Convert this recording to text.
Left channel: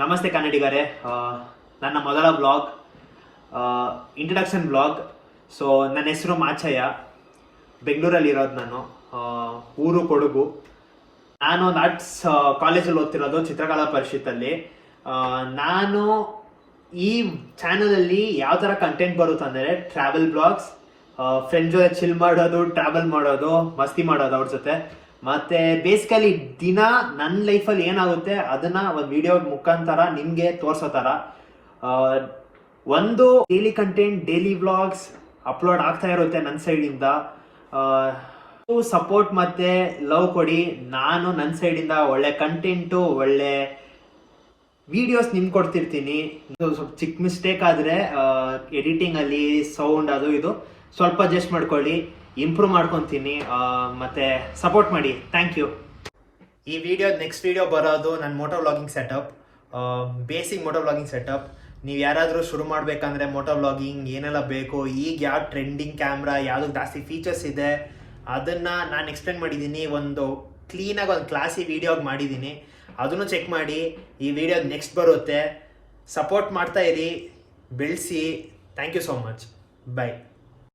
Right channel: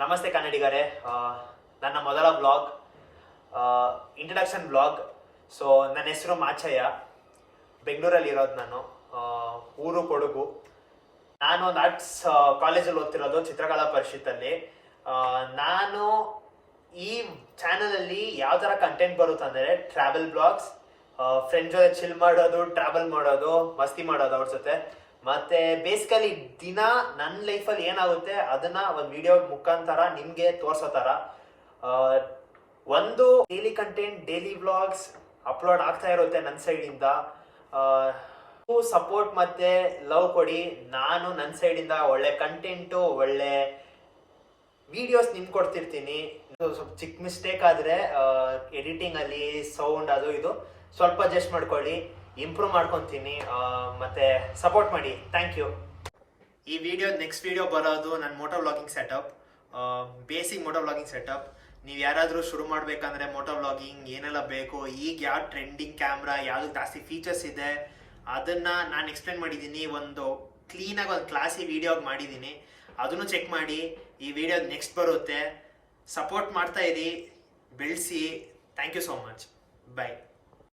ನಮಸ್ತೆ ಕನ್ನಡಿಗರೇ. ನನ್ನ ಮೊದಲ ಬ್ಲಾಗ್ ಇಂಟ್ರಡಕ್ಷನ್ ಬ್ಲಾಗ್. ಸೊ ನನ್ನ ಹೆಸರು ಮಾಚಯ್ಯ. ಬೆಂಗಳೂರಲ್ಲಿ ಇರೋದು ನಾನು. ಊರು ಕೊಡಗು. ನಾನು ಒಂದು ಆರ್ಟ್ಸ್ ಕಾಲೇಜಲ್ಲಿ ಓದ್ತಿರೋದು ಚಿತ್ರಕಲಾ ಪರಿಷತ್ತಲ್ಲಿ. ನಾನು ಈ ಚಾನಲಲ್ಲಿ ಯಾವ ಥರ ಕಂಟೆಂಟ್ ಬರುತ್ತಂದರೆ ಟ್ರಾವೆಲ್ ಬ್ಲಾಗ್ಸ್ ಫ್ರೆಂಡ್ ಜೊತೆ ಚಿಲ್ ಮಾಡೋದು ಟ್ರಾವೆಲ್ ಮಾಡೋದು, ಮಸ್ತಿ ಮಾಡೋದು ಅವ್ರ ಜೊತೆ. ಮತ್ತೆ ಬೇಸಿಕಲಿ ದಿನ ನನ್ನ ಲೈಫಲ್ಲಿ ಏನಾಗುತ್ತೆ, ಅದನ್ನ ಒಂದು ವಿಡಿಯೋ ಮುಖಾಂತರ ನಿಮಗೆ ತೋರ್ಸೋ ಥರ ಒಂದು daily content daily vlogs upload ಆಗ್ತಾ ಇರುತ್ತೆ ನನ್ನ ಸೈಡಿಂದ ಸಪೋರ್ಟ್ ಮತ್ತೆ ಲವ್ ಕೊಡಿ. ನಾನು ನನ್ನ ಸೈಡಿಂದ ಒಳ್ಳೆ ಕಂಟೆಂಟು ಒಳ್ಳೆ ವಿಡಿಯೋಸ್ ನಿಮ್ಗೆ ಕೊಡ್ತಿರ್ತೀನಿ. ಸ್ವಲ್ಪ ಚಿಕ್ಕ ಮಿಸ್ಟೇಕ್ ಆದರೆ ಎಡಿಟಿಂಗ್ ಅಲ್ಲಿ ಸೌಂಡ್ ಅದು ಇದು ಸ್ವಲ್ಪ ಅಡ್ಜಸ್ಟ್ ಮಾಡ್ಕೊಳ್ಳಿ. ಇಂಪ್ರೂವ್ ಮಾಡ್ಕೊತೀನಿ. ಮತ್ತೆ ಸಪೋರ್ಟ್ ಮಾಡಿ. ಥ್ಯಾಂಕ್ ಯು ಈ ವಿಡಿಯೋ ನೆಕ್ಸ್ಟ್ ವಿಡಿಯೋ ಬರೋದು ನನ್ನ moto vlogging setup basic moto vlogging setup ನೀವು ಯಾರಾದರೂ ಶುರು ಮಾಡಬೇಕಂದ್ರೆ ಮೋಟೋ ವ್ಲಾಗಿಂಗ್ ಏನೆಲ್ಲ ಬೇಕು, ಈಗ ಯಾವ ಟ್ರೆಂಡಿಂಗ್ ಕ್ಯಾಮ್ರಾ ಯಾವ್ದು ಜಾಸ್ತಿ ಫೀಚರ್ಸ್ ಇದೆ, ಅದನ್ನು ನಾನು ಎಕ್ಸ್ಪ್ಲೇನ್ ಮಾಡಿದ್ದೀನಿ ಒಂದು ಕ್ಲೀನಾಗಿ ಒಂದು ಕ್ಲಾಸಿ ವೀಡಿಯೋಗೆ ಮಾಡಿದ್ದೀನಿ ಅದನ್ನು ಚೆಕ್ ಮಾಡಿ. ಈ ವಿಡಿಯೋ ನೆಕ್ಸ್ಟ್ ಬರುತ್ತೆ. ಸಪೋರ್ಟ್ ಮಾಡ್ತಾ ಇರಿ. ಬೆಳೆಸಿ. Thank you so much bye